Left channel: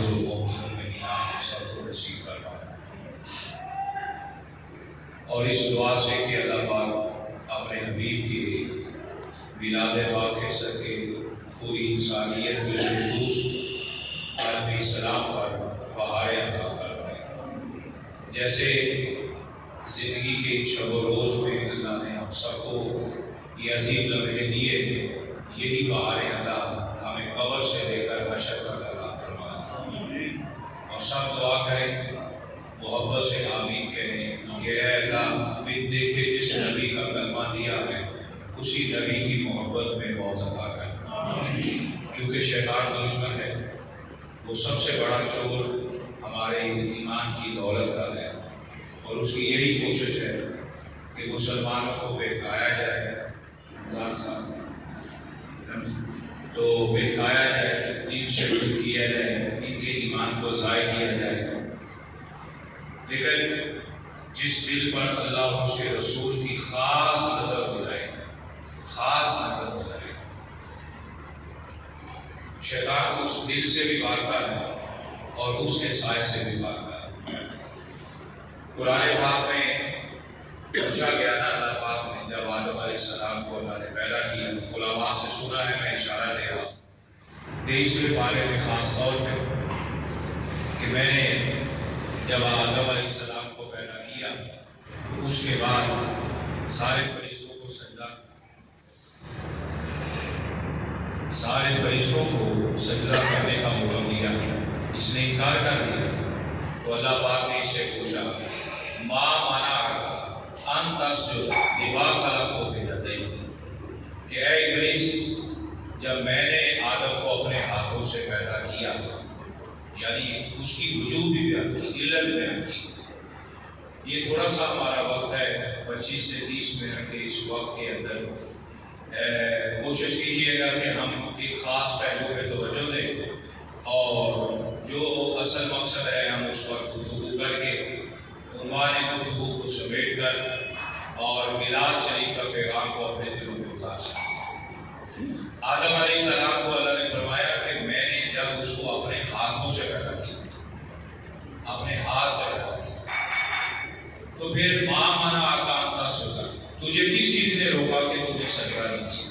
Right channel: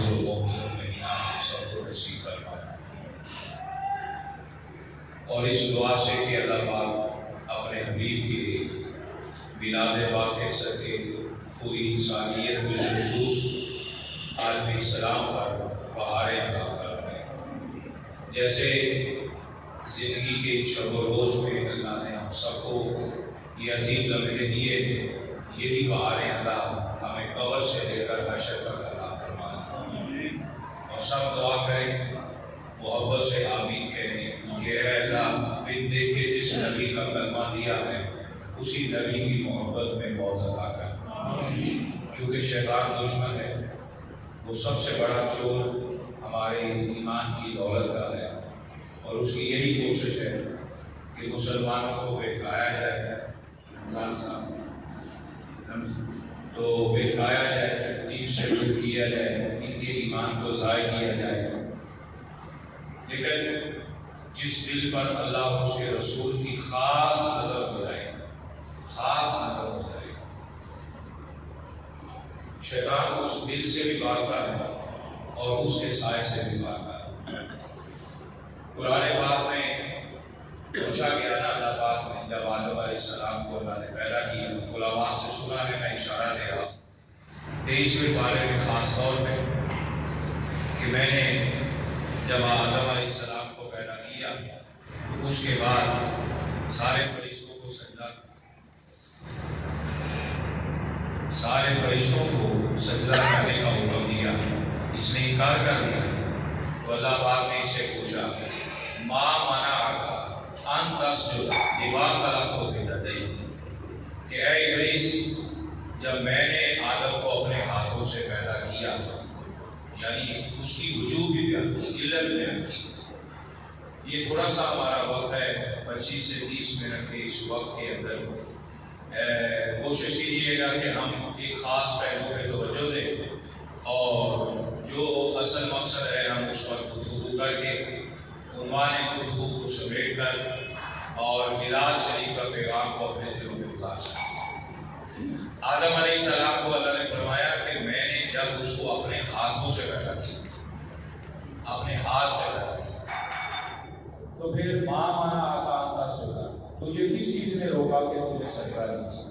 بزرگوں کا مہینہ سب کو نصیب فرمایا، اور اس دعا سے کہ اللہ پاک اپنے حبیب کے میلاد پاک کے صدقے پوری انسانیت بالخصوص عالم اسلام پر بہاریں عطا فرمائے۔ جیسے زندگی کے شب و روز میں اللہ نے ہم سب کو یہ عظیم لمحے دیے، یہی بہاریں اللہ ہمیں قبر سے لے کر حشر تک عطا فرمائے۔ اور سب دعا کریں، محبت سے آمین کہیں کہ اے اللہ بن دیکھے جس نبی کا کلمہ دیا ہے اسی نبی کی محبت میں موت عطا کر، کیونکہ شیطان دشمن ہے، وہ سب سے بڑا چور ہمارے ایمان کی دولت کا ہے، اور اس کی یہی کوشش ہے کہ مسلمانوں کو بہکایا جائے، رمضان صاحب تو بہکایا جائے، دین سے دور کیا جائے، ان کے ایمان کو ضائع کیا جائے۔ لیکن جس دل پر اللہ اور اس کے رسول کی خاص نظر گزرے، خاص نظر گزرے، شیطان اس دل سے بھی بھاگتا ہے اور اس کے سائے سے بھی بھاگتا ہے۔ قرآن پاک میں پوچھا گیا نا، اللہ پاک نے جب آدم علیہ السلام کو اللہ نے پیدا کیا، علماء سے سنا ہے، میں اشارہ دے رہا ہوں 23ویں پارے میں خاص طور پہ، کہ میں نے جب آدم علیہ السلام کو پیدا کیا اس کے بعد سارے فرشتوں کو سجدہ کرنے کا حکم دیا، اس نے انکار کر دیا، تو اللہ پاک نے اس سے پوچھا ما منعک ان تسجد لما خلقت بیدی، کہ اے ابلیس جب میں نے آدم کو اپنے ہاتھوں سے پیدا کیا، یعنی اس کی وجوب بھی بیان کی، علت بیان کی۔ یہ تھوڑا سا ہمارا وقت ہے 25 سے 30 منٹ کے اس وقت کے اندر کوشش کیجیے گا کہ ہم ایک خاص پہلو پہ توجہ دیں، اور جو اصل مقصد ہے ہم اس وقت گفتگو کر کے عنوان گفتگو کو سمیٹ کر اور میلاد شریف کا پیغام کو اپنے دلوں میں اتار سکیں۔ آدم علیہ السلام کو اللہ نے فرمایا کہ میں نے جب اس کو اپنے ہاتھوں سے پیدا کیا، اپنے ہاتھ سے پیدا کیا، تو پھر ماں مانا آقا انتا سجدہ، تجھے کس چیز نے روکا کہ تجھے سجدہ نہیں کیا؟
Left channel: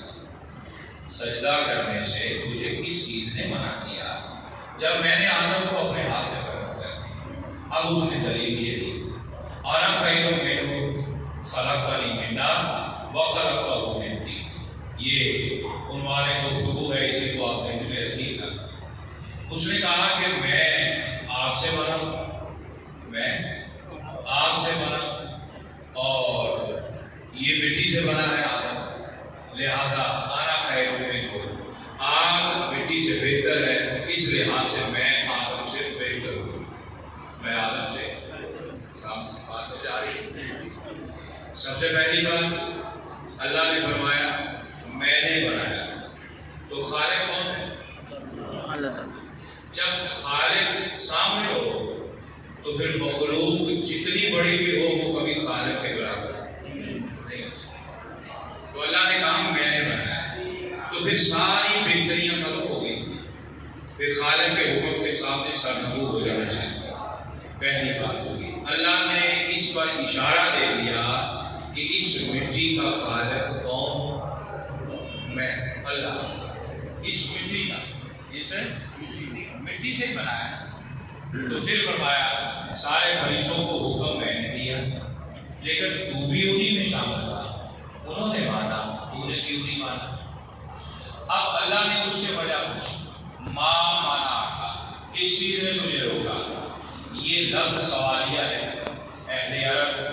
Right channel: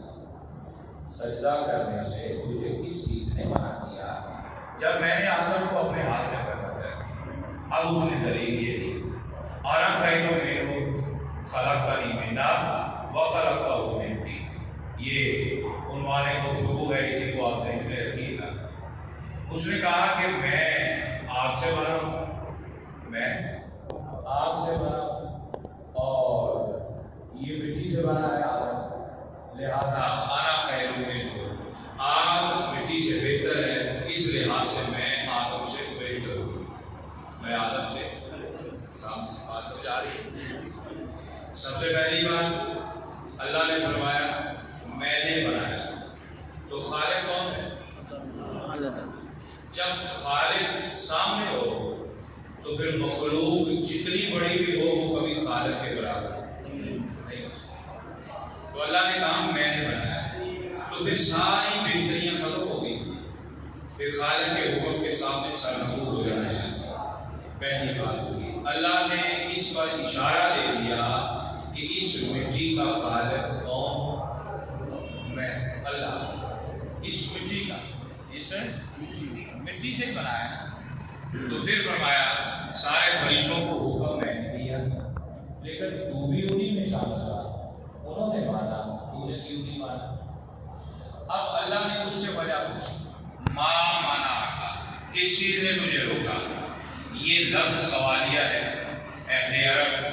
سجدہ کرنے سے تجھے کس چیز نے منع کیا جب میں نے آدم کو اپنے ہاتھ سے پیدا کیا؟ اب اس نے دلیل یہ دی، انا خیر منہ خلقتنی من نار وخلقتہ من طین۔ یہ عنوان گفتگو ہے، اسی کو آپ ذہن میں رکھیے گا۔ اس نے کہا کہ میں آگ سے بنا ہوں، میں آگ سے بنا اور یہ مٹی سے بنا ہے آدم، لہذا انا خیر منہ، آگ مٹی سے بہتر ہے، اس لحاظ سے میں آدم سے بہتر ہوں، میں آدم سے بات سے جا رہی ہوں۔ سب سے پہلی بات اللہ نے فرمایا میں نے بنایا، تو خالق کون ہے؟ اللہ تعالیٰ۔ جب خالق سامنے ہو تو پھر مخلوق جتنی بڑی بھی ہو وہ کبھی خالق کے برابر نہیں ہو سکتی۔ تو اللہ نے کہا میں نے بنایا، تو پھر ساری بہتریاں ختم ہو گئی، پھر خالق کے حکم کے سامنے سرنگو ہو جانا چاہیے۔ پہلی بات ہوگی، اللہ نے اس پر اشارہ دے دیا کہ اس مٹی کا خالق کون؟ میں، اللہ۔ اس مٹی کا، اس مٹی سے بنایا ہے، تو پھر فرمایا سارے فرشتوں کو حکم میں نے دیا، لیکن تو بھی انہی میں شامل تھا، انہوں نے مانا، تو نے کیوں نہیں مانا؟ اب اللہ نے اس سے وجہ پوچھی، ما منعک، کس چیز نے تجھے روکا؟ یہ لفظ سوالیہ ہے، اہل عرب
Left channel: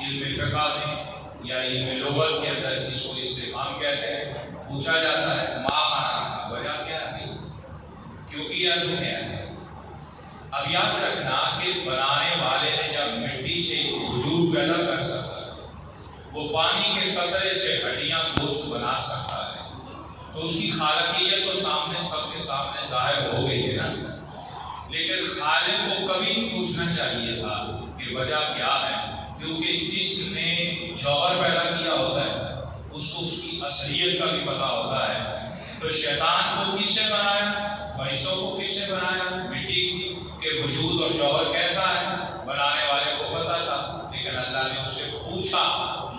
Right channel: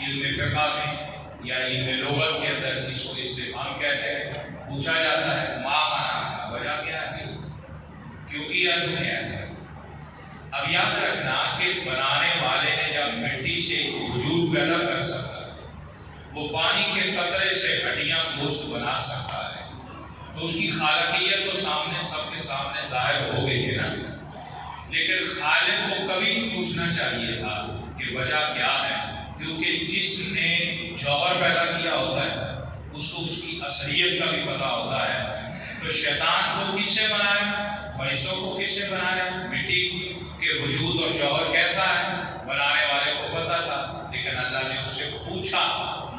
علم فقہ میں یا علم لغت کے اندر اس کو استفہام کہتے ہیں، پوچھا جاتا ہے ما منعک، وجہ کیا ہے، کیوں کیا تم نے ایسا؟ اب یاد رکھنا کہ بنانے والے نے جب مٹی سے وجود پیدا کر سکتا، وہ پانی کے قطرے سے ہڈیاں گوشت بنا سکتا ہے، تو اس کی خالقیت تو سامنے سب کے سامنے ظاہر ہو گئی ہے نا۔ لیکن خالق کو کبھی پوچھنا چاہیے تھا کہ وجہ کیا ہے، کیونکہ جس نے جوہر پیدا کیا ہوتا ہے اس کو اس کی اصلیت کا بھی پتہ ہوتا ہے، تو شیطان کو کس سے بنایا؟ فرشتوں کو کس سے بنایا؟ مٹی کے وجود اور جوہر کیسا ہے بنانے والے کو پتا تھا، لیکن اللہ نے اس سے پوچھا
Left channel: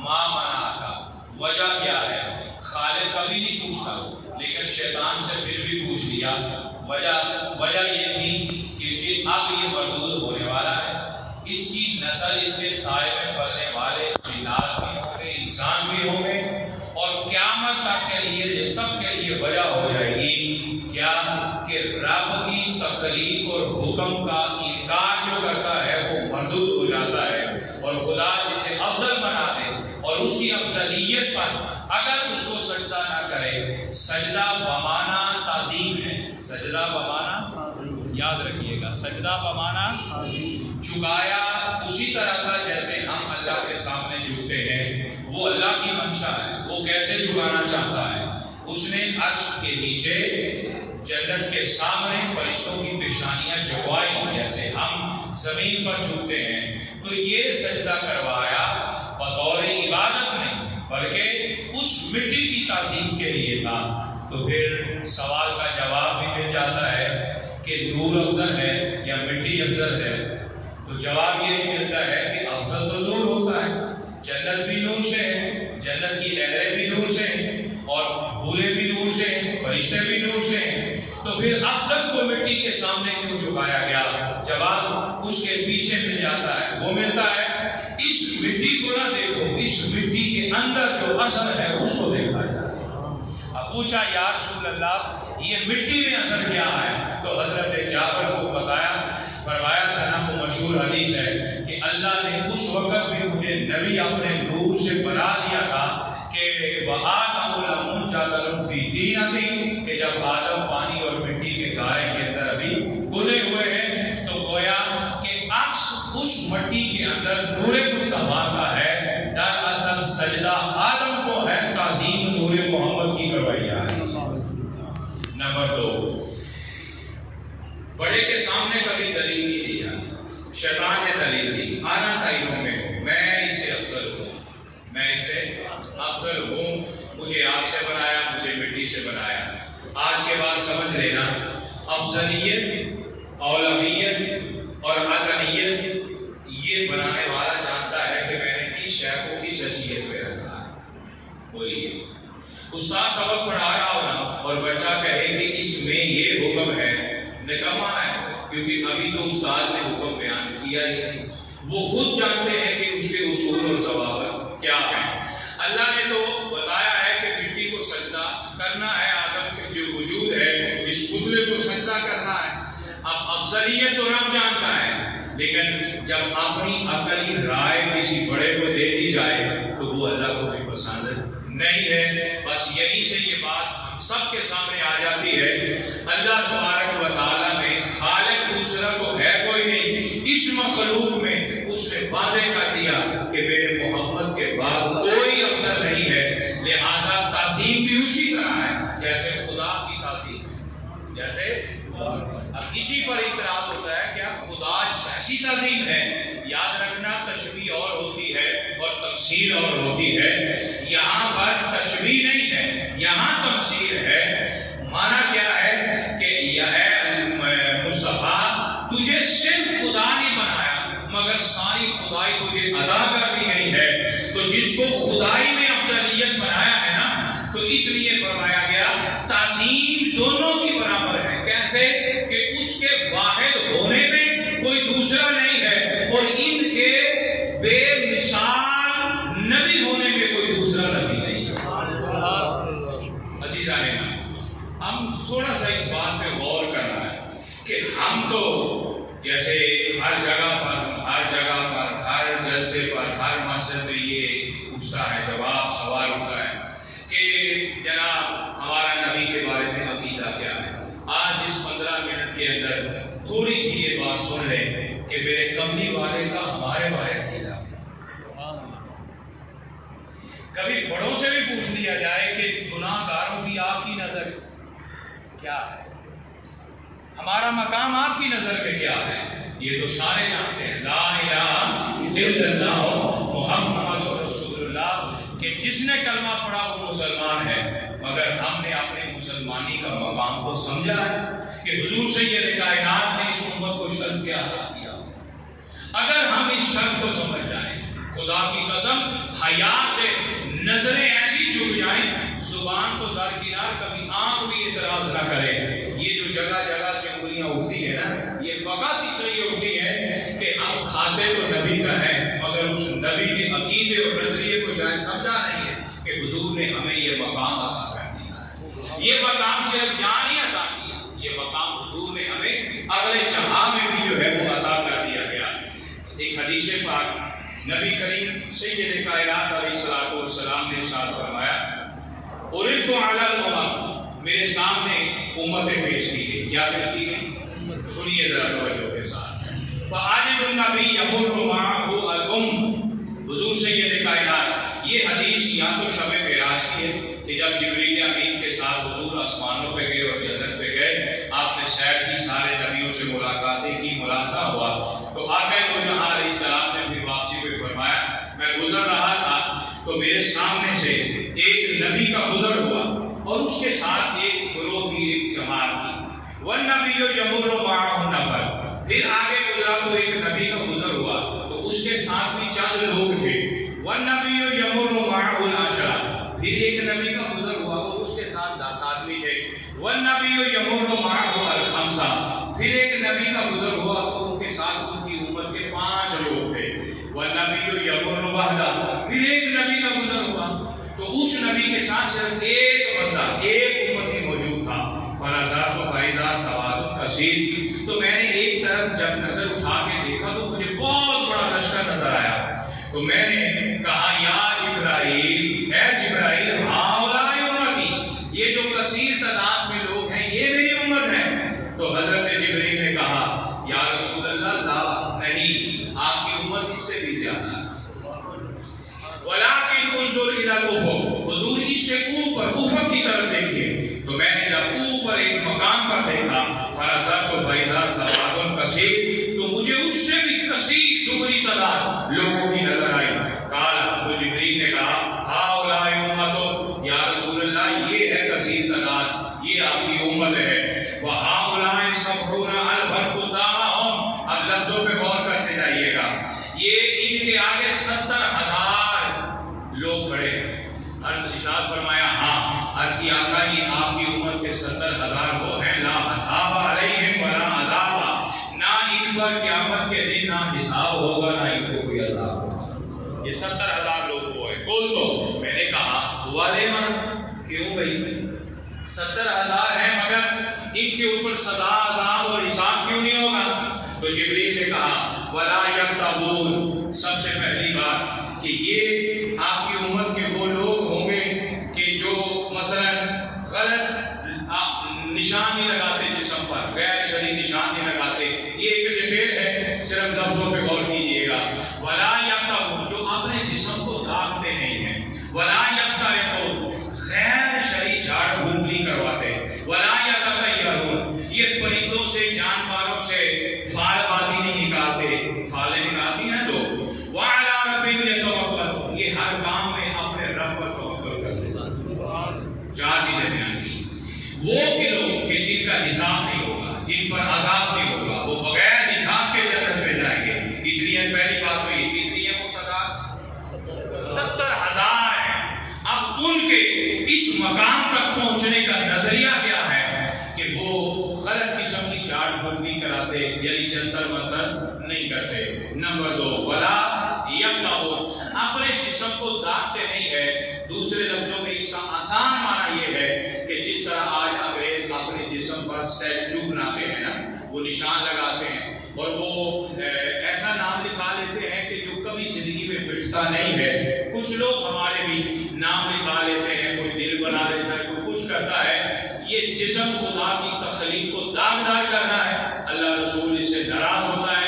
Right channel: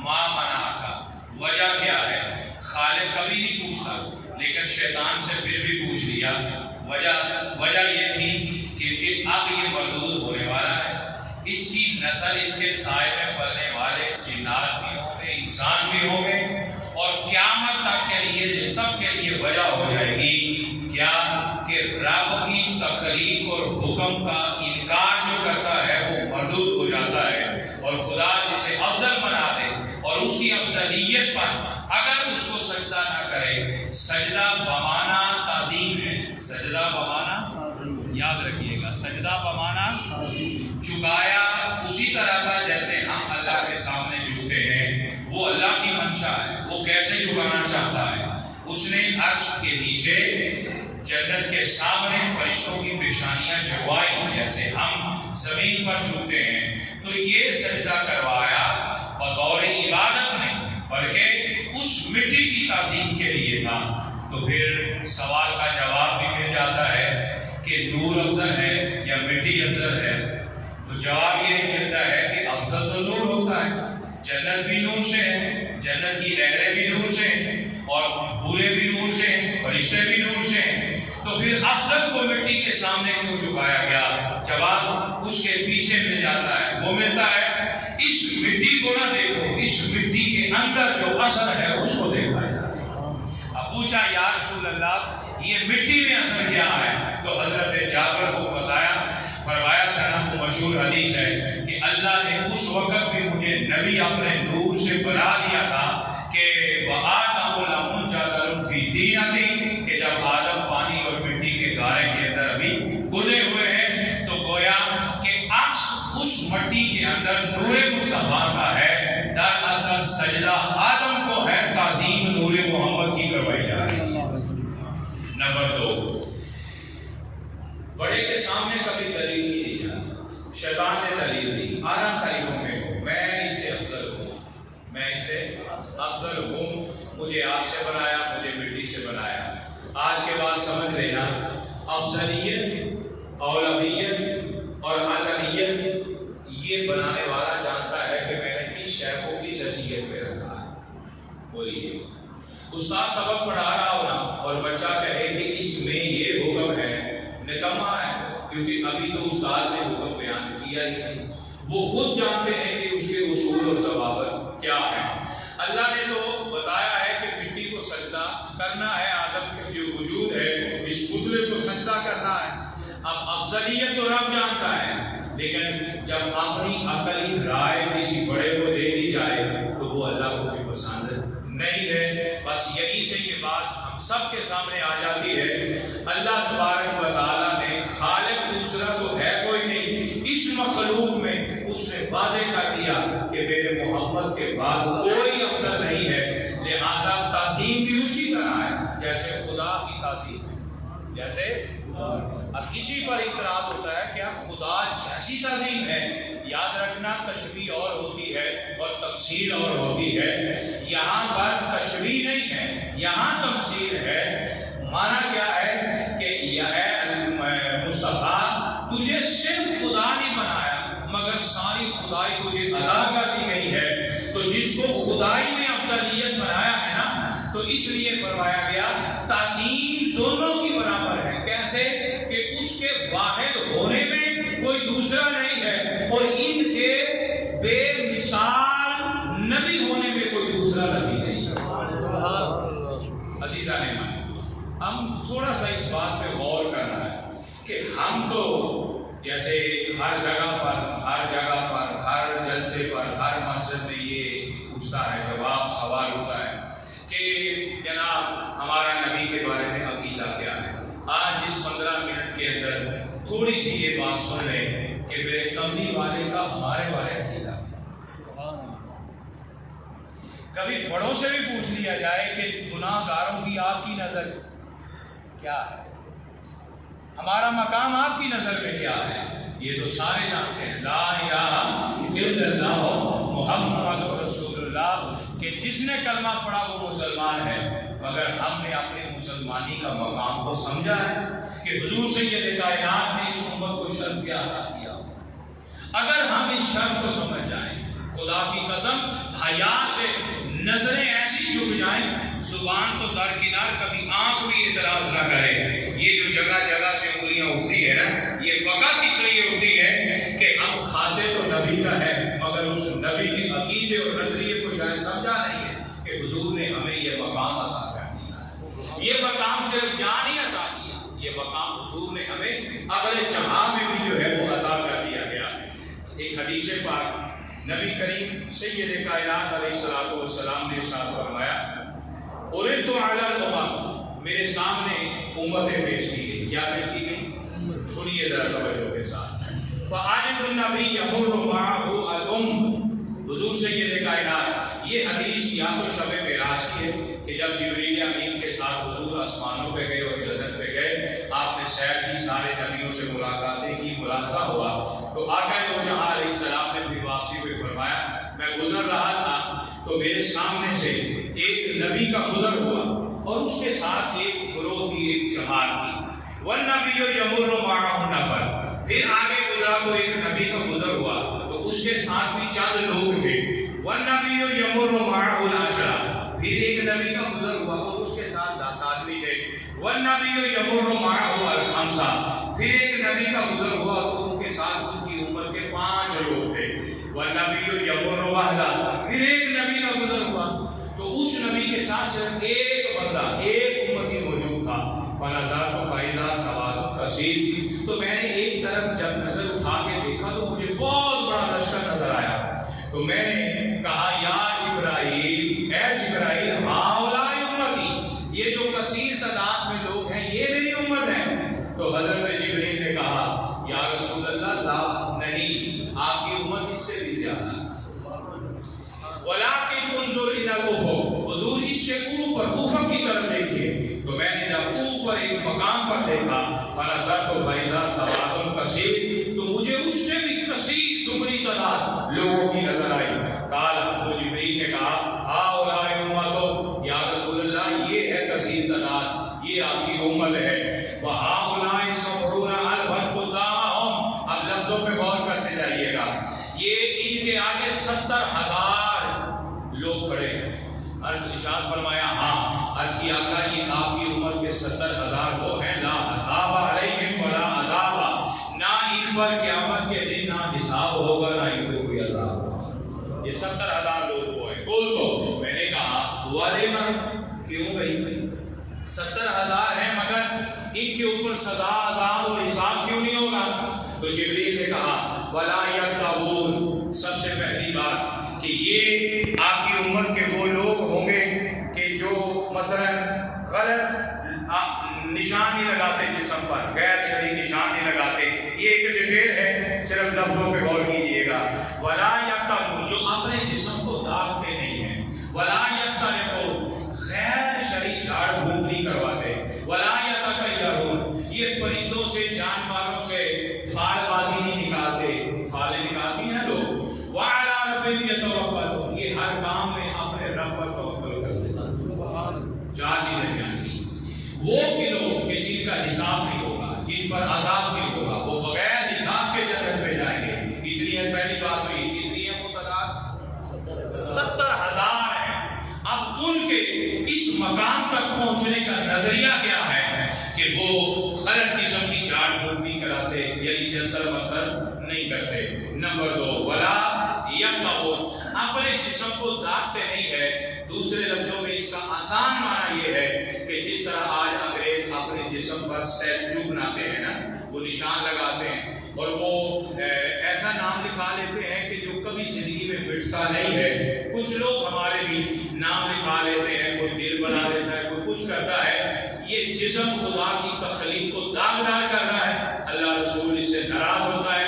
ما منعک، وجہ کیا ہے؟ خالق کبھی نہیں پوچھتا، لیکن شیطان سے پھر بھی پوچھ لیا۔ وجہ یہ تھی کہ اب یہ مردود ہونے والا ہے، اس کی نسل، اس کے سائے میں پلنے والے جنات بھی ہوں گے، انسان بھی ہوں گے، اور قیامت تک کے لیے سب کے لیے وجہ ہو جائے گی کیا کہ رب کی تخلیق اور حکم کا انکار جو کرتا ہے وہ مردود ہو جاتا ہے، اور خدا جسے افضل بنا دے اور اس کی افضلیت پر اگر اس کو سجدہ نہ کرے، سجدہ بمانا تعظیم ہے، سجدہ بمانا یاد رکھیے گا، سجدہ بمانا جھکایا اسی طرح تھا جیسے ہم اللہ کے سامنے جھکتے ہیں، وہ اللہ کی منشا ہے، وہ کیسے جھکانا چاہتا ہے، اس نے عرش کے نیچے جنت کے سامنے فرشتوں کی پیشانیاں جھکوائی جیسے ہم زمین پر جھکتے ہیں، تو یہ سجدہ کروایا بطور عبادت نہیں بلکہ اس مٹی کی تعظیم کے لیے تھا۔ تو پھر سوال کا جواب بھی مل جاتا ہے کہ نور افضل ہے یا مٹی افضل ہے، تو جواب یہ ملتا ہے کہ افضل تو نور ہوتا ہے، جنت بھی نور سے ہے، جنت کی لہریں بھی نور سے ہیں، اور بھولے بھی نور سے ہیں، فرشتے بھی نور سے ہیں، تو پھر افضل کو مٹی کے سامنے کیوں جھکایا گیا؟ جواب اس کے پیچھے مل جاتا ہے، وہ ملتا ہے اس مٹی کو نہ دیکھو، اس مٹی کے اندر جو اثر ہے اس کو دیکھا جائے۔ اب پوچھا یا رسول اللہ یہ مٹی میں اثر کیا ہے؟ تو حضرت جابر کو بتایا، فرمایا تھا نا، وہ مشہور حدیث ہے کہ اللہ نے اس وقت بھی مجھے نبی اپنے نور سے بنا دیا تھا کہ وَآدَمُ لَمُنْجَدَلٌ فِي دِينَتِهِ، کہ جب آدم پانی اور مٹی کے گارے کے اندر ابھی گلے ہوئے ہیں، تو گویا کہ عکس اس مٹی کے اندر نور مصطفیٰ کا ہے، دراصل سجدہ آدم کو ہے، تعظیم نور محمد کی کروائی جا رہی ہے۔ نمبر 2، بڑے کے سامنے کبھی دلیل نہیں دیا، شیطان نے دلیل دی، آنا خیروں میں ہوں، میں اس سے افضل ہوں، میں اس سے افضل ہوں، مجھے آگ سے بنایا، مجھے مٹی سے بنایا۔ آج کے بعد سمجھ لینا، افضلیت، اولویت اور عدلیت یہ بنانے والا جانتا ہے کہ میں نے کس شے کو کس حیثیت پہ رکھا ہے۔ بولیے، استاد سبق پڑھا رہا ہونا اور بچہ کہے کہ اس میں یہ حکم ہے، نکما ہے، کیونکہ ابھی تو استاد نے حکم بیان کیا ہی نہیں، وہ خود جانتے ہیں کہ اس کے اصول اور ضوابط کیا ہیں۔ اللہ نے تو بتایا ہے کہ مٹی کو سجدہ کرنا ہے، آدم کے جو وجود ہے اس پتلے کو سجدہ کرنا ہے۔ اب افضلیت تو رب جانتا ہے، لیکن جب اپنی عقلی رائے کسی بڑے کو دے دی جائے تو وہ اللہ کو بھی پسند نہیں ہے۔ بس یہی سے یہ بات ہم سب کے سامنے آ جاتی ہے، اللہ تبارک و تعالیٰ نے خالق دوسرا تو ہے کوئی نہیں، اس مخلوق میں اس نے واضح کر دیا کہ میرے محمد کے بعد کوئی افضل نہیں ہے، لہذا تعظیم بھی اسی طرح ہے جیسے خدا کی تعظیم، جیسے اب اسی پر اعتراض ہوتا ہے کیا خدا جیسی تعظیم ہے؟ یاد رکھنا تشبیہ اور ہوتی ہے اور تمثیل اور ہوتی ہے، یہاں پر تشبیہ نہیں ہے، یہاں تمثیل ہے۔ معنی کیا ہے کہ اے مصطفیٰ تجھے صرف خدا نہیں بنایا مگر ساری خدائی تجھے عطا کر دی گئی ہے، تو جس کو خدائی میں افضلیت بنایا ہے نا، تو اس لیے فرمایا گیا تعظیم دونوں کی برابر ہے۔ کیسے کہ اس کے واحد ہونے میں کوئی دوسرا نہیں ہے اور ان کے بے مثال نبی ہونے میں کوئی دوسرا نبی نہیں ہے۔ عزیزان ہم تھوڑا سا اس بات پہ غور کرنا ہے کہ ہم تو جیسے ہر جگہ پر ہر جلسے پر ہر مسجد میں یہ پوچھتا ہے، جواب سوال ہوتا ہے کہ جناب ہمارا نبی کے بارے میں عقیدہ کیا ہے؟ آج اس 15 منٹ کے اندر تھوڑی سی یہ بات سن لیں کہ میرے کملی والے کا ہمارے بارے عقیدہ، کبھی بڑوں سے بھی پوچھ لیا جائے کہ گناہ گاروں کی آپ کی نظر کیا ہے، ہمارا مقام آپ کی نظر میں کیا ہے؟ یہ تو سارے جانتے ہیں، لا الہ الا اللہ محمد رسول اللہ، کہ جس نے کلمہ پڑھا وہ مسلمان ہے، مگر ہم نے اپنے مسلمانی کا مقام کو سمجھا ہے کہ حضور سید کائنات نے اس امت کو شرط کیا عطا کیا. اگر ہم اس شرط کو سمجھ جائیں، خدا کی قسم حیا سے نظریں ایسی جھک جائیں، زبان کو درکنار، کبھی آنکھ بھی اعتراض نہ کرے. یہ جو جگہ جگہ سے انگلیاں اٹھتی ہے نا، یہ فقط اس لیے اٹھتی ہے کہ ہم کھاتے تو نبی کا ہے، مگر اس نبی کے عقیدے اور نظریے کو شاید سمجھا نہیں ہے کہ حضور نے ہمیں یہ مقام عطا کر دیا ہے. یہ مقام صرف جان ہی عطا کیا، یہ مقام حضور نے ہمیں اگلے جہاں میں بھی جو ہے وہ عطا کر دیا گیا. ایک حدیث پاک نبی کریم سید کائنات علیہ الصلوۃ والسلام نے ارشاد فرمایا، اردت علی الامم، میرے سامنے امتیں پیش کی گئی. کیا پیش کی گئی؟ سنیے ذرا توجہ کے ساتھ. فاجد النبی یمر معه الام، حضور سید کائنات، یہ حدیث یا تو شب معراج کی ہے کہ جب جبریل امین کے ساتھ حضور آسمانوں پہ گئے اور جنت پہ گئے، آپ نے سیر کی، سارے نبیوں سے ملاقاتیں کی، ملاحظہ ہوا، تو آقا دو جہاں علیہ السلام نے پھر واپسی پہ فرمایا، میں گزر رہا تھا تو میرے سامنے سے ایک نبی کا گزر ہوا اور اس کے ساتھ ایک گروہ کی، ایک جماعت تھی. والنبی یمر معه نفر، پھر آگے گزرا تو ایک نبی کا گزر ہوا تو اس کے ساتھ بھی چند لوگ تھے. والنبی یمر معه العشرہ، پھر ایک نبی کا گزر ہوا اور اس کے ساتھ 10 آدمی تھے. والنبی یمر معه الخمسہ، پھر ایک نبی کا گزر ہوا تو ان کے ساتھ ان کی امت کے 5 لوگ تھے. والنبی یمر وحدہ، پھر ایک نبی کا گزر ہوا تو اس نبی کے ساتھ صرف ایک بندہ، ایک امتی موجود تھا. فنظرت فاذا سواد کثیر، تو میں نے ایک طرف جب نظر اٹھا کے دیکھا تو مجھے بہت بڑا لشکر نظر آیا. تو میں نے کہا یا جبرائیل، اے جبرائیل، ہؤلاء امتی، یہ جو کثیر تعداد میں لوگ ہیں یہ میری امت ہے. تو حضرت جبرائیل نے کہا یا رسول اللہ، لا، نہیں، آپ کی امت اس سے بھی زیادہ ہے. ولیکن انظر الی الافق، حضور اس سے اوپر افق کی طرف دیکھیے. تو میں نے جب اوپر ایک مقام پر دیکھا، فنظرت فاذا سواد کثیر، تو مجھے اس سے بھی کثیر، دگنی تعداد لوگوں کی نظر آئی. قال، تو جبریل نے کہا ہؤلاء امت، یا رسول اللہ یہ ہے کثیر تعداد، یہ آپ کی امت ہے. وہؤلاء 70,000 قدامہم، اب لفظوں پہ غور کرتے جائیے گا، یہ ان کے آگے 70,000 لوگ کھڑے ہیں. عرض ارشاد فرمایا، ہاں. عرض کی آقا، یہ آپ کی امت کے 70,000 وہ ہیں، لا حساب علیہم ولا عذاب، نہ ان پر قیامت کے دن نہ حساب ہوگا نہ ان کو کوئی عذاب ہوگا. یہ 70,000 لوگ وہ ہیں. کل تو میں نے کہا ہوا دینا، کیوں بھائی 70,000 ہیں مگر ان کے اوپر سزا، عذاب اور حساب کیوں نہیں ہوگا؟ تو جبریل نے کہا ولا یکتبون، سب سے پہلی بات کہ یہ آپ کی امت کے وہ لوگ ہوں گے کہ جو مثلا غلط نشان نہیں لگاتے جسم پر، غیر شرعی نشان نہیں لگاتے. یہ ایک ڈیٹیل ہے، صرف لفظوں پہ غور کیجیے گا. ولا یکتبون، جو اپنے جسم کو داغتے نہیں ہیں. ولا یسترقون، غیر شرعی جھاڑ پھونک نہیں کرواتے. ولا یتطیرون، یہ پرندوں سے، جانوروں سے فال بازی نہیں نکالتے، فالیں نکالتی ہیں لوگ. وعلی ربہم یتوکلون، یہ ہر کام میں اپنے رب پر توکل کرتے ہیں. 4 چیزیں بیان کی. وہ کہ لوگ کہ جن کا حساب نہیں ہوگا، جن پر عذاب نہیں ہوگا، وہ بغیر حساب کے جنت میں جائیں گے. اتنی ہے پہلی بات. ہوئی کتنی ہے وہ تعداد؟ 70,000 ہیں. اب ان کے اس مقام تک پہنچنے کا نظریہ کیا ہے کہ وہ غلط قسم کی چاٹ پھوٹ نہیں کراتے، یعنی جنتر منتر نہیں کرتے. نمبر 2، ولا یکتبون، اپنے جسم کو داغتے نہیں ہے. دوسرے لفظوں میں اس کا آسان معنی یہ ہے کہ جس طرح آج انگریز اپنے جسم پر اسٹیچو بناتے ہیں نا، وہ نشان لگاتے ہیں اور وہ ایسا نام لکھا لیتے ہیں کہ جو کبھی زندگی میں مٹتا نہیں ہے. کچھ لوگ ہمارے بھی نام لکھا لیتے ہیں، کوئی دل بنا لیتا ہے، کوئی کچھ کرتا ہے. یہ جسم خدا کی تخلیق کو داغدار کرنا ہے. اللہ رسول اس سے ناراض ہوتا ہے.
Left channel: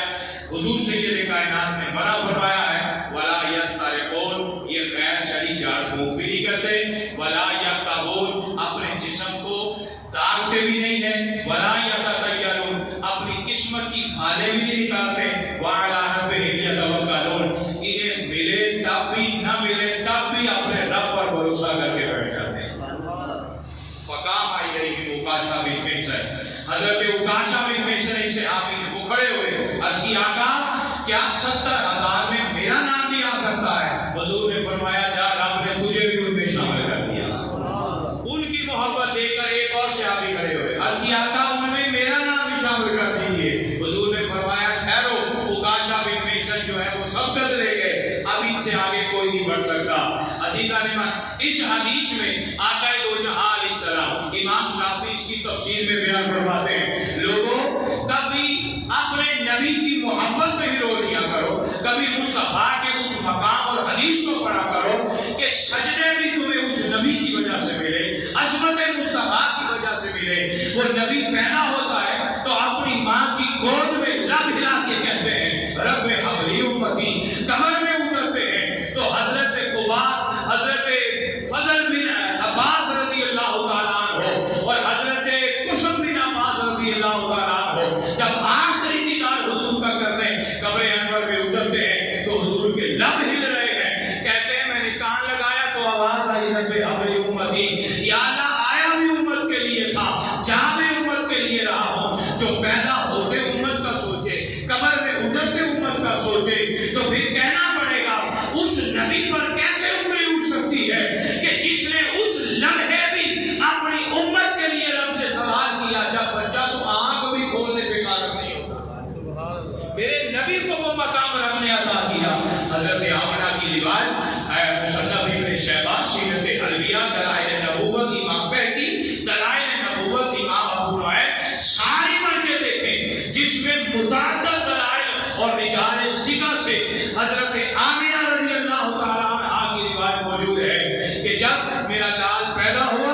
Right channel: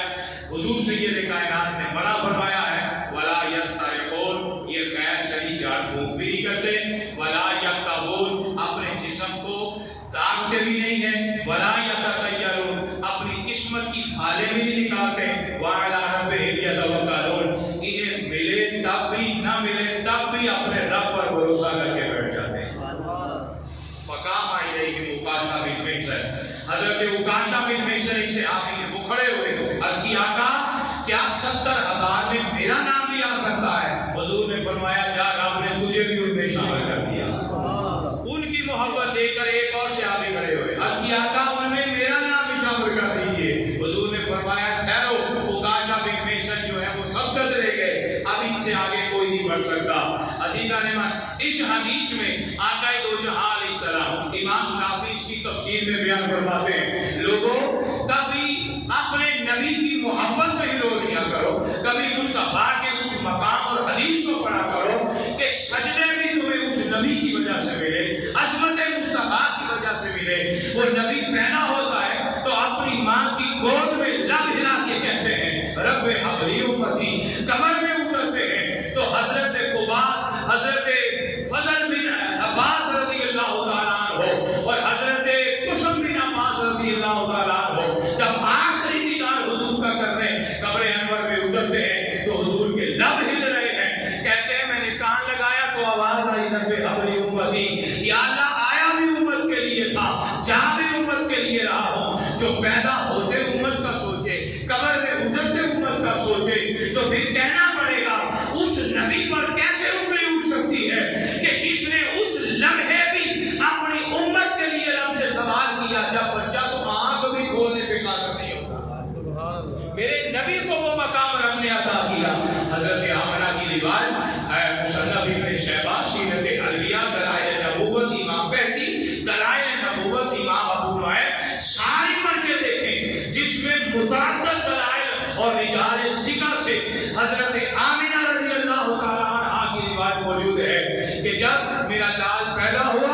حضور سید کائنات نے منع فرمایا ہے. ولا یسترقون، یہ غیر شرعی جھاڑ پھونک بھی نہیں کرتے. ولا یکتبون، اپنے جسم کو داغتے بھی نہیں ہیں. ولا یتطیرون، اپنی قسمت کی فالیں بھی نہیں نکالتے. وعلی ربہم یتوکلون، انہیں ملے تب بھی نہ ملے تب بھی اپنے رب پر بھروسہ کر کے بیٹھ جاتے ہیں. حضرت عکاشہ بن محصن ایک صحابی ہیں، وہ کھڑے ہوئے، عرض کی آقا کیا 70,000 میں میرا نام بھی آ سکتا ہے؟ حضور نے فرمایا جا، رب نے تجھے بھی ان میں شامل کر دیا۔ ان کی محبت دیکھ کر ایک اور صحابی کھڑے ہوئے، عرض کی آقا ان میں میرا نام بھی شامل کر دیجیے۔ حضور نے فرمایا ٹھہرو، عکاشہ بن محصن جو ہے وہ سبقت لے گئے، اب ان سے آگے کوئی نہیں بڑھ سکتا۔ عزیزان ایمان، اس حدیث میں آقا دو جہاں علیہ السلام، امام شافعی اس کی تفسیر میں بیان فرماتے ہیں، لوگوں کبھی اپنے نبی کی محبت میں ہی رو دیا کرو، کبھی مصطفیٰ کے اس مقام اور حدیث کو پڑھا کرو کہ سجدے بھی تمہیں اس نبی کی وجہ سے ملے، عظمت مصطفیٰ کی وجہ سے ملے۔ وہ نبی پیدا ہوتا ہے تو اپنی ماں کی گود میں لب ہلا کے کہتے ہیں رب ہب لی امتی، قبر میں اترتے ہیں تو حضرت قباس، حضرت فضل بن عباس رضی اللہ تعالیٰ عنہ اور حضرت قسم بن عباس رضی اللہ تعالیٰ عنہ جب آخری دیدار حضور کا کر رہے ہیں، قبر انور میں اترتے ہیں تو حضور کے لب ہل رہے ہیں، کہتے ہیں میں نے کان لگایا تو آواز آئی رب ہب لی امتی، یا اللہ آیا بھی امت کے لیے تھا، جا بھی امت کے لیے رہا ہوں۔ جو پیدا ہوتے امت کا سوچے، قبر میں اترتے امت کا سوچے، تو پھر کہنا پڑے گا اس نبی پر کیسے انگلی اٹھ سکتی ہے کہ جس نے اس لمحے بھی اپنی امت کے لیے رب سے سوال کیا جب بچہ تو آنکھ بھی کھولنے پہ قادر نہیں ہوتا۔ میرے نبی کو وہ مقام رب نے عطا کیا۔ حضرت آمنہ کی روایت ہے، مصنف ابن شیبہ، سیرت انبیاء، دلائل نبوت امام بہقی، دلائل نبوت امام ابو نعیم، ساری پڑھ کے دیکھیں جس میں متعدد دلائل اور رجال ثقہ سے حضرت آمنہ رضی اللہ تعالیٰ عنہ کی روایت موجود ہے کہ جب میرا لال پیدا ہوا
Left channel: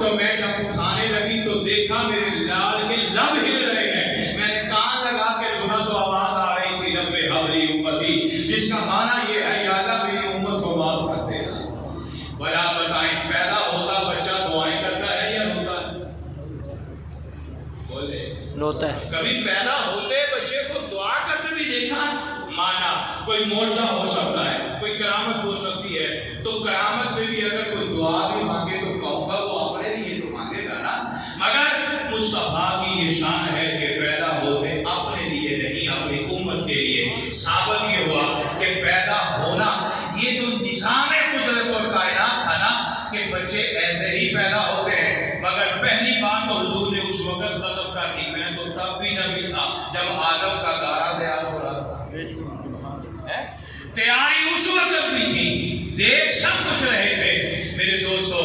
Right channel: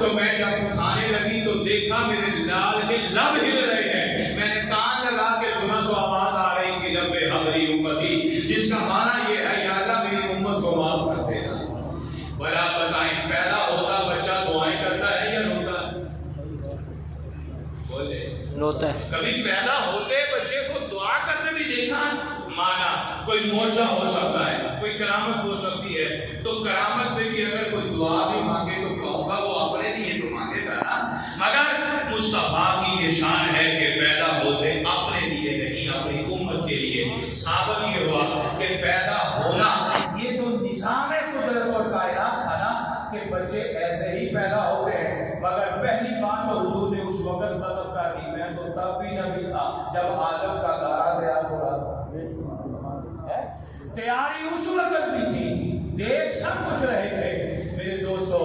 تو میں جب اٹھانے لگی تو دیکھا میرے لال کے لب ہل رہے ہیں، میں نے کان لگا کے سنا تو آواز آ رہی تھی رب ہب لی امتی، جس کا معنی یہ ہے یا اللہ میری امت کو معاف کر دینا۔ بھلا بتائیں پیدا ہوتا بچہ دعائیں کرتا ہے یا روتا ہے؟ بولے روتا ہے۔ کبھی پیدا ہوتے بچے کو دعا کرتے بھی دیکھا؟ مانا کوئی معجزہ ہو سکتا ہے، کوئی کرامت ہو سکتی ہے، تو کرامت میں بھی اگر کوئی دعا بھی مانگے تو کہوں گا وہ اپنے لیے تو مانگے گا نا، مگر مصطفیٰ کی یہ شان ہے کہ پیدا ہوتے اپنے لیے نہیں اپنی امت کے لیے۔ ثابت یہ ہوا کہ پیدا ہونا یہ تو نظام قدرت اور کائنات تھا نا کہ بچے ایسے ہی پیدا ہوتے ہیں، مگر پہلی بات تو حضور نے اس وقت ختم کر دی، میں تو تب بھی نبی تھا جب آدم کا گارا تیار ہو رہا تھا۔ تیاری اس وقت بھی تھی، دیکھ سب کچھ رہے تھے۔ میرے دوستو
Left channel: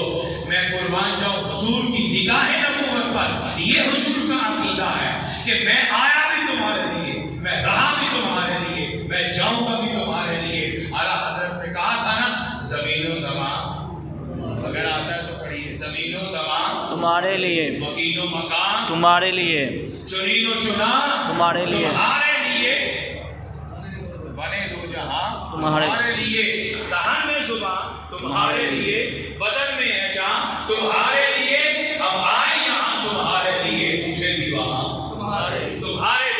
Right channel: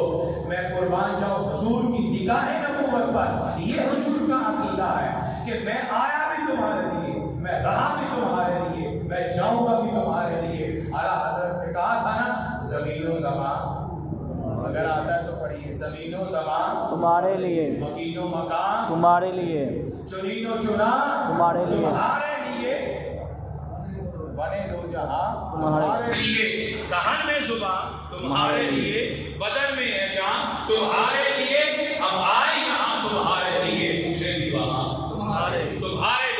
میں قربان جاؤں حضور کی نگاہ نبوت پر، یہ حضور کا عقیدہ ہے کہ میں آیا بھی تمہارے لیے، میں رہا بھی تمہارے لیے، میں جاؤں گا بھی تمہارے لیے۔ اعلیٰ حضرت نے کہا تھا نا زمین و زمان، اگر آتا ہے تو پڑھیے، زمین و زمان تمہارے لیے، مکین و مکان تمہارے لیے، چنین و چنا تمہارے لیے، تمہارے لیے، بنے دو جہاں تمہارے لیے، دہن میں زبان تمہارے لیے، بدن میں ہے جان تمہارے لیے، اب آئے یہاں تمہارے لیے، اٹھے بھی وہاں تمہارے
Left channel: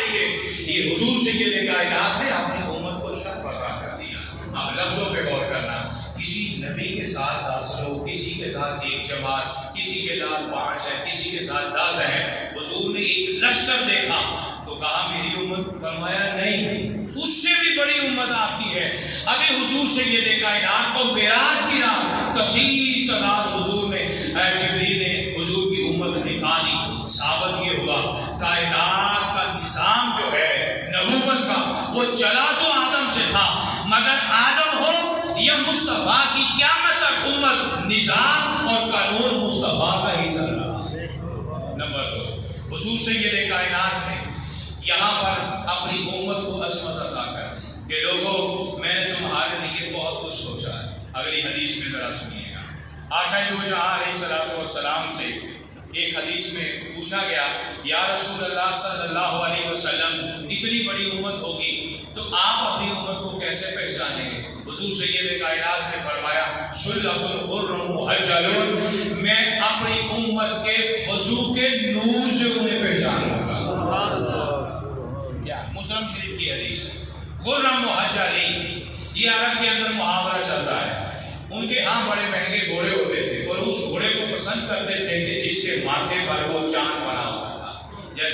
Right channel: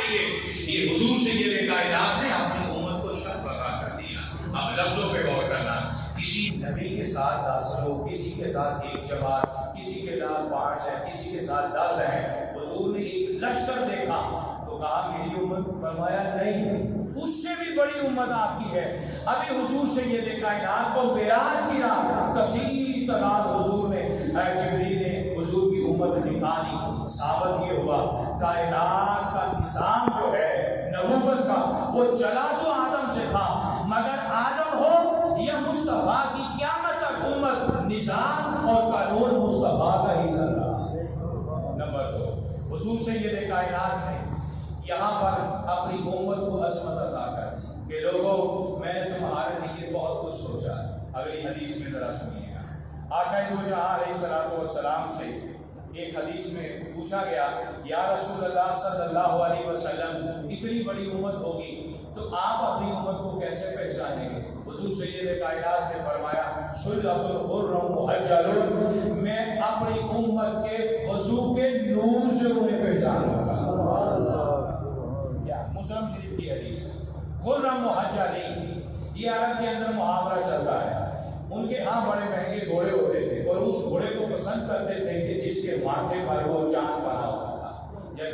لیے۔ یہ حضور سید کائنات نے اپنی امت کو شرف عطا کر دیا۔ اب لفظوں پہ غور کرنا، کسی نبی کے ساتھ 10 لوگ، کسی کے ساتھ 1 جماعت، کسی کے ساتھ 5 ہے، کسی کے ساتھ 10 ہے۔ حضور نے ایک لشکر دیکھا تو کہا میری امت، فرمایا نہیں اس سے بھی بڑی امت آپ کی ہے۔ ابھی حضور سید کائنات کو معراج کی رات کثیر تعداد حضور نے، جبریل نے حضور کی امت دکھا دی۔ ثابت یہ ہوا کائنات کا نظام جو ہے نبوت کا وہ چلا تو آدم سے تھا، مگر آدم ہو یا مصطفیٰ کی قیامت تک امت، نظام اور قانون مصطفیٰ کا ہی چل رہا ہے۔ نمبر 2، حضور سید کائنات نے یہاں پر اپنی امت کو عظمت عطا کر دی کہ لوگوں میں نے تمہارے لیے بہت کچھ سوچا ہے۔ اگلی حدیث میں ذرا سنیے گا، آقا دو جہاں علیہ السلام سے ایک حدیث میں پوچھا گیا یا رسول اللہ صلی اللہ علیہ وسلم اتنی بڑی امت ہوگی تو آپ اپنی امت کو کیسے پہچانیں گے؟ حضور سید کائنات نے فرمایا سلۃ الغر محجلون، میں اپنی امت کے وضو کے نور سے انہیں پہچانوں گا۔ کیا مسلم شریف کی حدیث، غر محجلین، یہ عرب کے اندر محاورہ چلتا ہے۔ ان کے ہاں بڑے مہنگے گھوڑے ہوتے تھے اور اس گھوڑے کو پسند کرتے تھے کہ جس کے ماتھے پر وہ چاند بنا ہوتا تھا، جیسے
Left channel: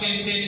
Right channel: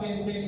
3-3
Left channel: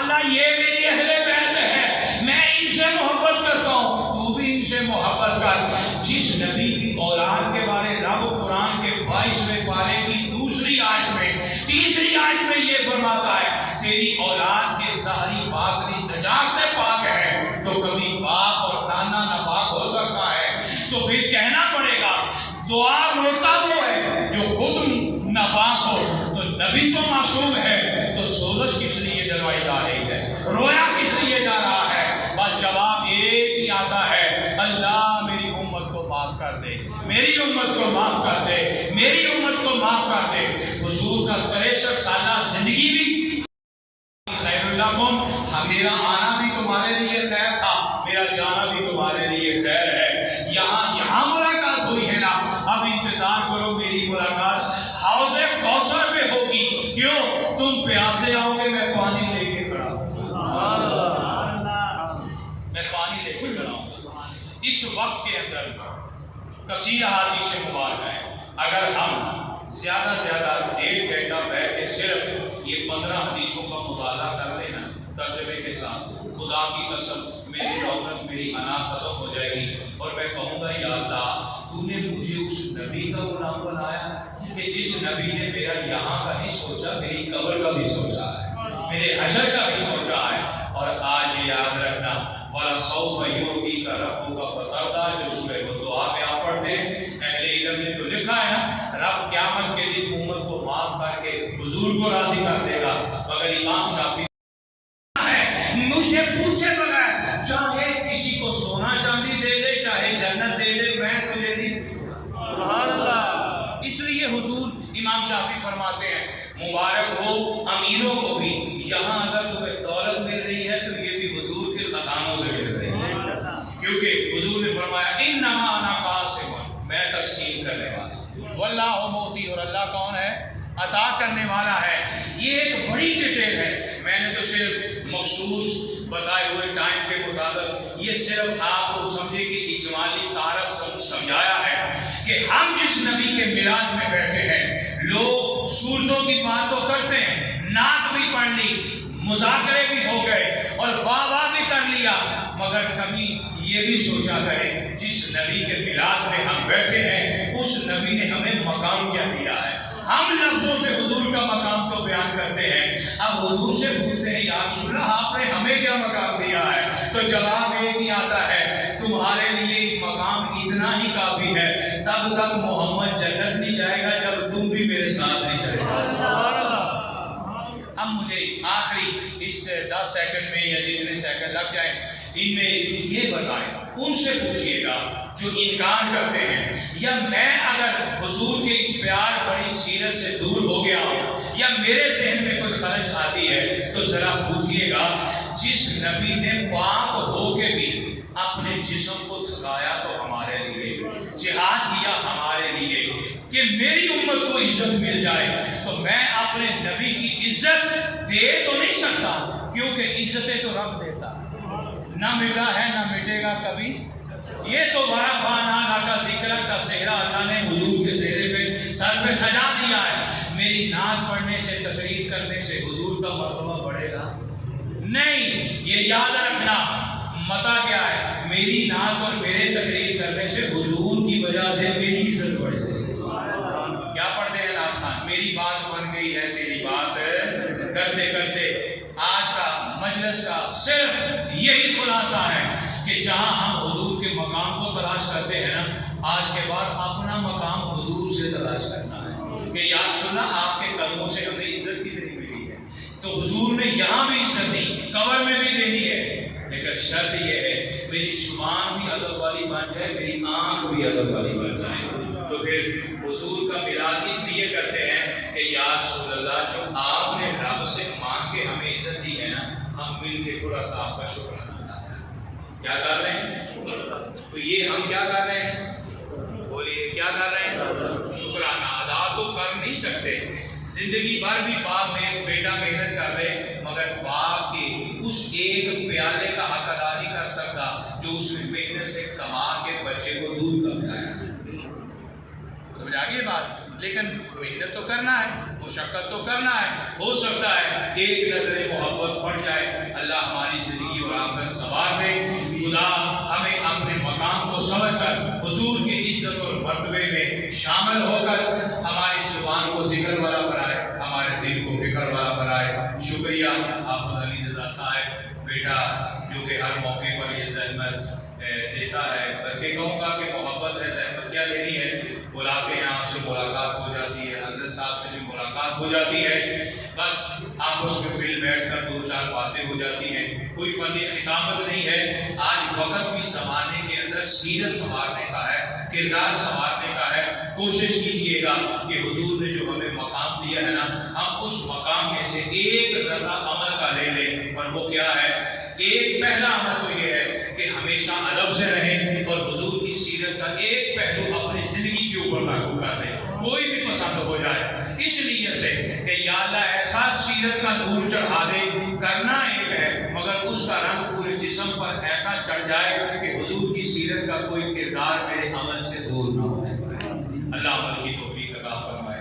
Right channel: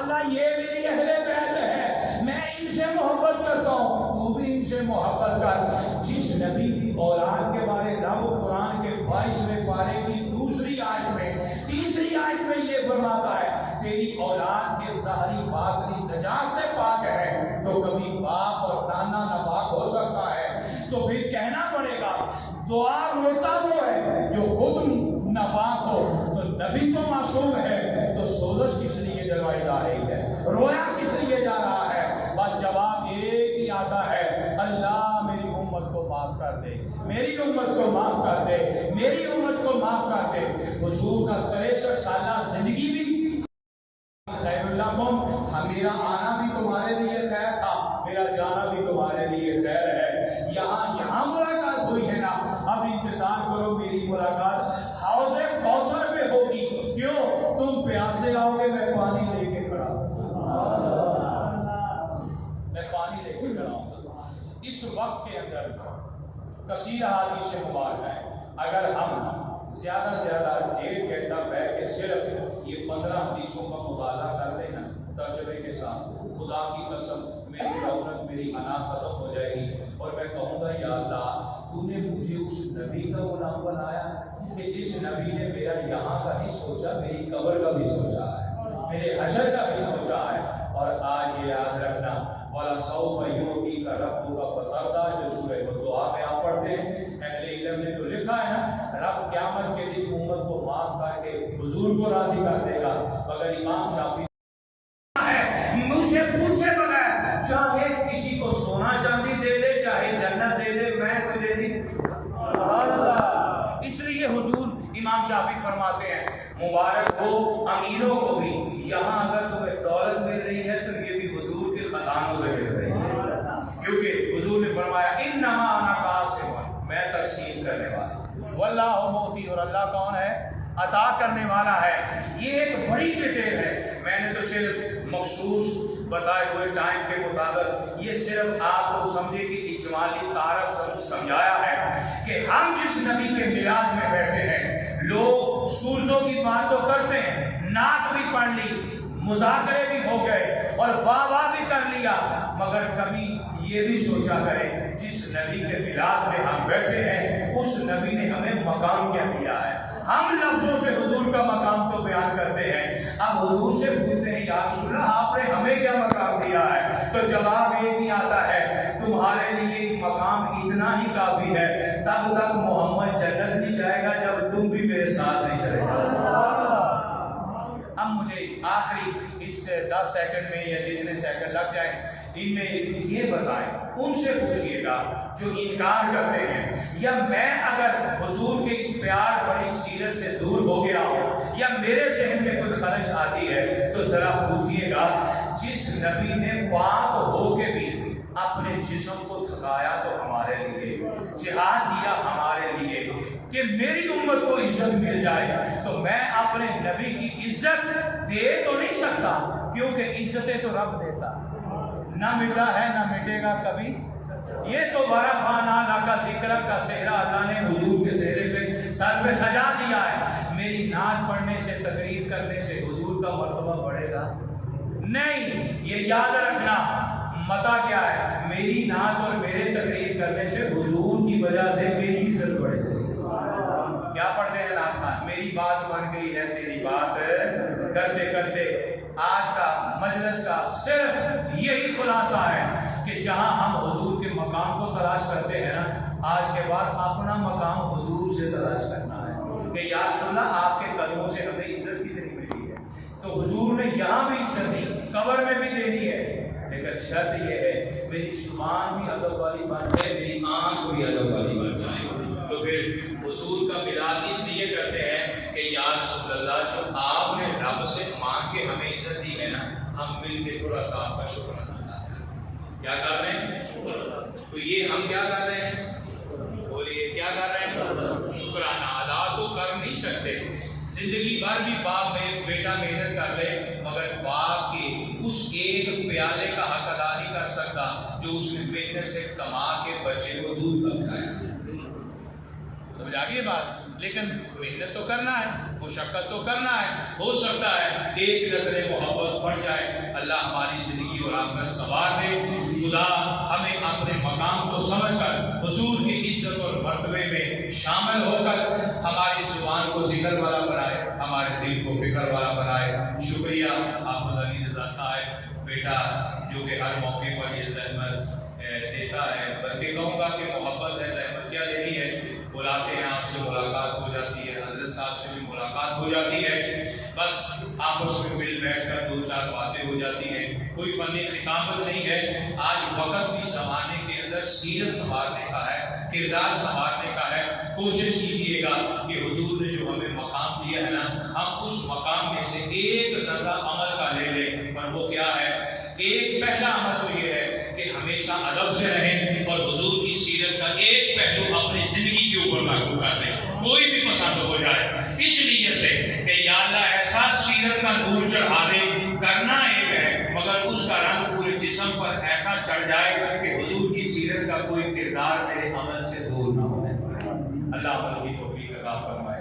اللہ یہ میری اہل بیت ہے، میں ان سے محبت کرتا ہوں، تو بھی ان سے محبت کر۔ جس نبی کی اولاد کے بارے رب قرآن کے 22ویں پارے کی دوسری آیت میں، تیسری آیت میں یہ فرماتا ہے تیری اولاد کے ظاہری باطنی نجات سے پاک ہے، تو کبھی باپ اور نانا ناپاک ہو سکتا ہے، تو پھر کہنا پڑے گا دعا روتا وہ ہے جو خود ناپاک ہو، تو نبی تو معصوم ہے، تو سوزش کس لیے جلوائی جا رہی ہے، رویا کس لیے جا رہا ہے؟ بس جواب ایک ہی آتا ہے، اللہ میری امت کو معاف کر دے، میری امت کو معاف کر دے، میری امت کو معاف کر دے۔ حضور کا 63 سالہ زندگی بھی خیر اللہ کم، میرا آنا بھی تمہارے لیے خیر تھا، میرا جانا بھی تمہارے لیے خیر ہے۔ یہاں ملاقات ہوئی ہے نا، اب انتظار کرو میری ملاقات حوض کوثر پہ ہوگی۔ کیوں؟ تم پیاسے آؤ گے، میں پانی لے کے کھڑا ہوں، میں پانی لے کے کھڑا ہوں۔ اس وقت کے اندر کثیر حدیث مبارکہ ہے، اگر ہم زیادہ سے زیادہ 1.5 گھنٹہ بیٹھ کے صرف یہ 15 حدیثوں کا مطالعہ کر لینا ترجمے کے ساتھ، خدا کی قسم میری رونق، میری انا ختم ہو جائے گی، اور میں کہوں گا یا اللہ تو نے مجھے اس نبی کا غلام بنایا کہ جس نبی نے میرا یہاں کا نہیں سوچا، میری قبر کا بھی سوچا ہے، میرے حشر کا بھی سوچا ہے۔ اور آج یہ یاد رکھنا، وَلَسَوْفَ يُعْطِيكَ رَبُّكَ فَتَرْضَىٰ، جو سورہ الدعا میں آپ پڑھتے ہیں، اہل علم نے جو لکھا ہے نا، رب قیامت کے دن امت کو معاف کر کے حضور کو راضی کر دے گا، مگر امام شافعی مجھ سے پوچھے بغیر چاہے کسی کو سونا چاندی دے دے، چاہے جنت دے دے، میں تجھے نہیں پوچھوں۔ اس لیے حضور امام شافعی فرماتے ہیں مبارک ہو امیروں کو بھی، یہاں اگر تمہیں دولت مل رہی ہے تو یہ بھی حضور کے خزانوں سے مل رہی ہے، کیونکہ حضور نے فرمایا انما انا قاسم، میں تقسیم کرنے والا ہوں، واللہ موتی، اور اللہ کون ہے؟ عطا کرنے والا ہے۔ یہ ایک بڑی ڈیٹیل ہے، میں نے تو صرف مخصوص بتائے ہوئے ٹائم کے مطابق یہ صرف آپ کو سمجھے کہ اجمالی تعارف سمجھایا ہے کہ ہم جس نبی کے معراج میں بیٹھے ہیں، لوگ صورتوں کی بات تو کرتے ہیں، نعت بھی پڑھ لی، مذاکرے بھی ہو گئے اور واہ بھی کر لیا، مگر کبھی یہ بھی سوچا کریں جس نبی کے معراج میں ہم بیٹھے ہیں اس نبی نے ہمیں مقام کیا دیا ہے۔ ہم لفظوں سے حضور کا مقام تو بیان کرتے ہیں، اب حضور سے پوچھتے ہیں یا رسول اللہ آپ نے ہمیں کیا مقام دیا ہے، تو جواب ایک ہی آتا ہے تمہارے لیے مقام اتنا ہی کافی ہے، تب تک محمد جنت نہیں جائے گا جب تم بھی میرے ساتھ نہیں چلے گا۔ اب مجھے آخری اس 10 سیکنڈ میں یا جتنے سیکنڈ لگ جائیں ان میں یہ بتائیں، ان سے پوچھئے گا جو انکار کرتے ہیں، یا میں اگر حضور کے اس پیار بڑی سیرت سے دور ہو گیا ہوں یا میرے ذہن میں کوئی خرچ آتی ہے تو ذرا پوچھئے گا جس نبی نے پاک ہو کے بھی اپنے جسم کو تھکایا تو ہمارے لیے، جہاد کیا ہمارے لیے کہ میری امت کو عزت مل جائے، تو میں اپنے نبی کی عزت دے تو نہیں سکتا، کیونکہ عزتیں تو رب دیتا، نہ مٹا ہے نہ مٹے گا کبھی۔ یہ تو ورفعنا لک ذکرک کا صحرا اللہ نے حضور کے صحرے پہ سر پہ سجا دیا ہے۔ میری نعت پڑھنے سے، تقریر کرنے سے حضور کا مرتبہ بڑھے گا نہیں، یہ یاد رکھنا۔ متا کیا ہے؟ میری نعت اور میرے تقریر کرنے سے حضور کی وجہ سے میری عزت بڑھ جائے گی۔ کیا پڑھتے ہیں نعت خان؟ میری بات بن گئی ہے تیری بات کرتے کرتے۔ آج کا مجلس کا صرف یہی خلاصہ ہے کہ جہاں ہم حضور کے مقام کو تلاش کرتے ہیں نا، آج کے بعد اپنا مقام حضور سے تلاش کرنا ہے کہ یا رسول اللہ آپ کے قدموں سے ہمیں عزت کتنی ملی ہے، تو حضور نے یہاں بھی عزت دی، قبر میں بھی دینی ہے، لیکن شرط یہ ہے میری زبان بھی ادب والی بن جائے، میری آنکھ بھی ادب والی بن جائے۔ تو پھر حضور کا میلاد اس لیے کرتے ہیں کہ یا رسول اللہ جو آپ نے رب سے مانگ کے ہمیں عزت دی ہے نا، ہم مل کے تھوڑا سا آپ کا شکر کیا کر رہے ہیں؟ تو یہ ہم کیا کر رہے ہیں؟ بولیے کیا کر رہے ہیں؟ شکرانہ ادا تو کر نہیں سکتے، زندگی بھر بھی باپ میں بیٹا محنت کر رہے، مگر باپ کے اس ایک پیالے کا حق ادا نہیں کر سکتا جو اس نے محنت سے کما کے بچے کو دودھ کا پلایا۔ سمجھ آ گئی بات؟ لیکن محنت تو کرنا ہے، مشقت تو کرنا ہے. ہو سکتا ہے ایک نظر محبت پڑ جائے. اللہ ہماری زندگی اور آخرت سنوار دے. خدا ہمیں اپنے مقام کو سمجھ کر حضور کی عزت اور مرتبے میں شامل ہو کر ہماری زبان کو ذکر والا بنائے، ہمارے دل کو فکر والا بنائے. شکریہ حافظ علی رضا صاحب بیٹا جو کہ ہر موقع پر یہ زحمت دیتا ہے، بلکہ کہوں گا کہ محبت ہے، زحمت کیا دینی ہے. بلاتے ہیں، آپ سے ملاقات ہو جاتی ہے، حضرت صاحب سے بھی ملاقات ہو جاتی ہے، بس آپس میں مل بیٹھ کر دو چار باتیں ہو جاتی ہیں. کوئی فنی خطابت نہیں ہے. آج وقت بھی زمانے کے اندر سیرت سنوارنے کا ہے، کردار سنوارنے کا ہے. کوشش کیجیے گا کہ حضور نے جو ہمیں مقام دیا ہے نا، ہم اس مقام میں سے ایک ذرہ عمل کا لے لیں. اور وہ کیا ہے؟ ایک پہلا عمل تو یہ ہے کہ ہمیشہ ادب سے رہیں اور حضور کی سیرت کا ایک پہلو اپنی زندگی کے اوپر لاگو کر دیں، کوئی بھی پسند ہو جائے. اس لیے سے کہ یا اللہ ایسا سیرت کا نور چڑھا دے. کرنا ایک ہے مگر اس کا رنگ پورے جسم پر ایسا چڑھ جائے کہ حضور کی سیرت کا کوئی کردار میرے عمل سے دور نہ ہو. اللہ عمل کی توفیق عطا فرمائے.